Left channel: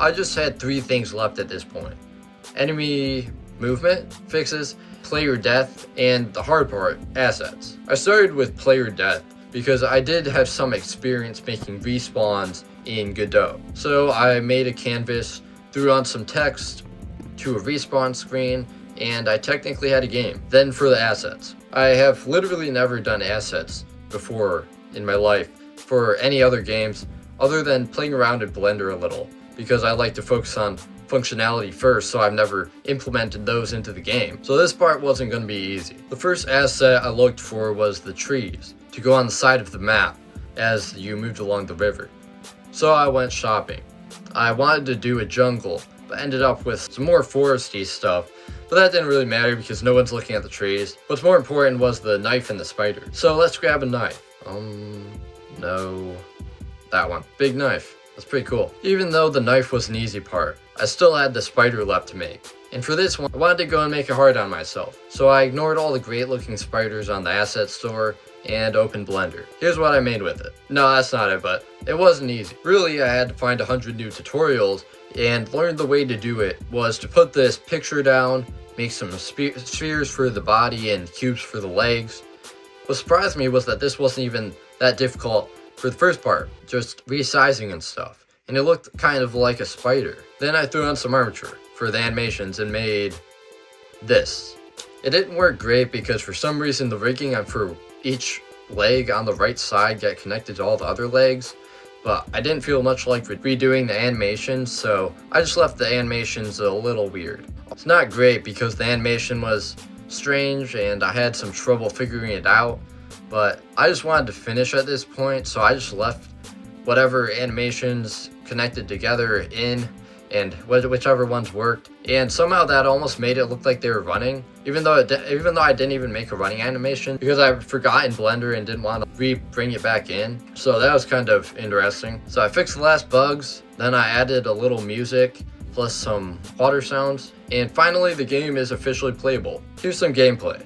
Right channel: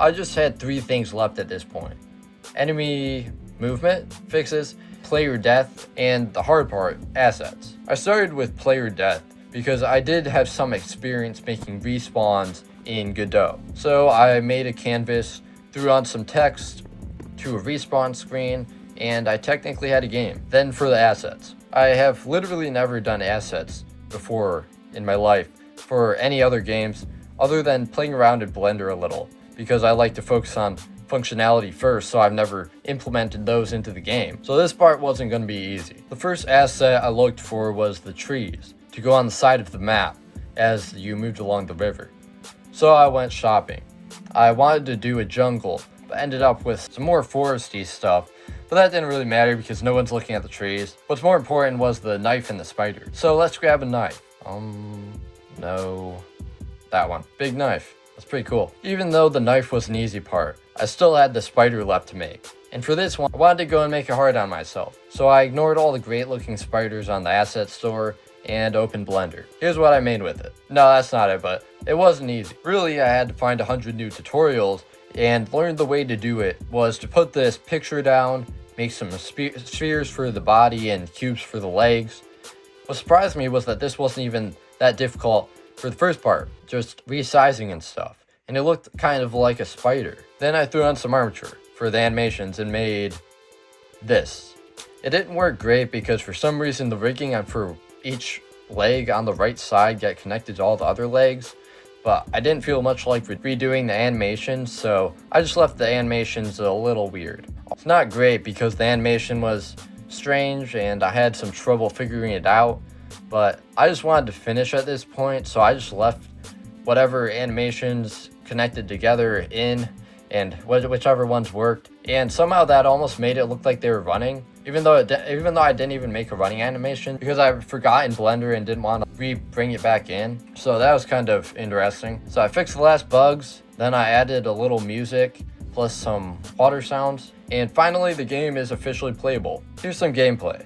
I just had 3 things left at this point: enemy movement fixes, player death, and the hard part, assets. I started with player death because I did have some experience making respawns in Godot. So I made a canvas, threw on some text to a respawn screen, and I technically had a game. Then for the assets. I have literally never done assets before in my life for any other games other than playing around in Blender a little, because I like to focus on functionality first, so I've never implemented those into the game. So this part wasn't going to be easy. The first asset I looked for was the trees to go on the side of the map as you moved along the river. So I went shopping. I wanted to do a jungle, but ended up with some more foresty stuff, but that didn't really matter because no one's looking at the trees. What's more important was the knife and the spider. So let's grab a knife. No, that one. Big knife. That's pretty cool. Even though the knife was an easy part, I still had the spider left to make. And for this one, I wanted to go and make it hard on myself. So I ignored all the great looking spiders on the asset store and opened Blender. Here's what I made with it. No, that's not it, but it wasn't easy. Really, I had to find 100 new tutorials, and learn the way to do it was to put this picture down, make some spheres for the body and cubes for the legs. What surprised me was that this wasn't even that difficult for the first part, just resizing and stuff, and it looked kind of like a spider. Then I threw on some armature for the animations and made this. It didn't work great because for some reason the rigging for each leg on the right side got connected to all the other legs, but I didn't feel much like redoing the animations, so I just left the animations a little weird. It's not great because the animation was strange and I had some trouble figuring it out, but I just wanted to finish at this point, so I just left whatever animations connected together in, and whichever ones worked, and somehow that almost made it look like they were running, even though I didn't even make a running animation because I forgot in Blender and didn't want to bring it back in. So that was kind of interesting. So I fixed the last bugs, then I added a little music plus some water sounds, and finally the game is officially playable. Here's some gameplay.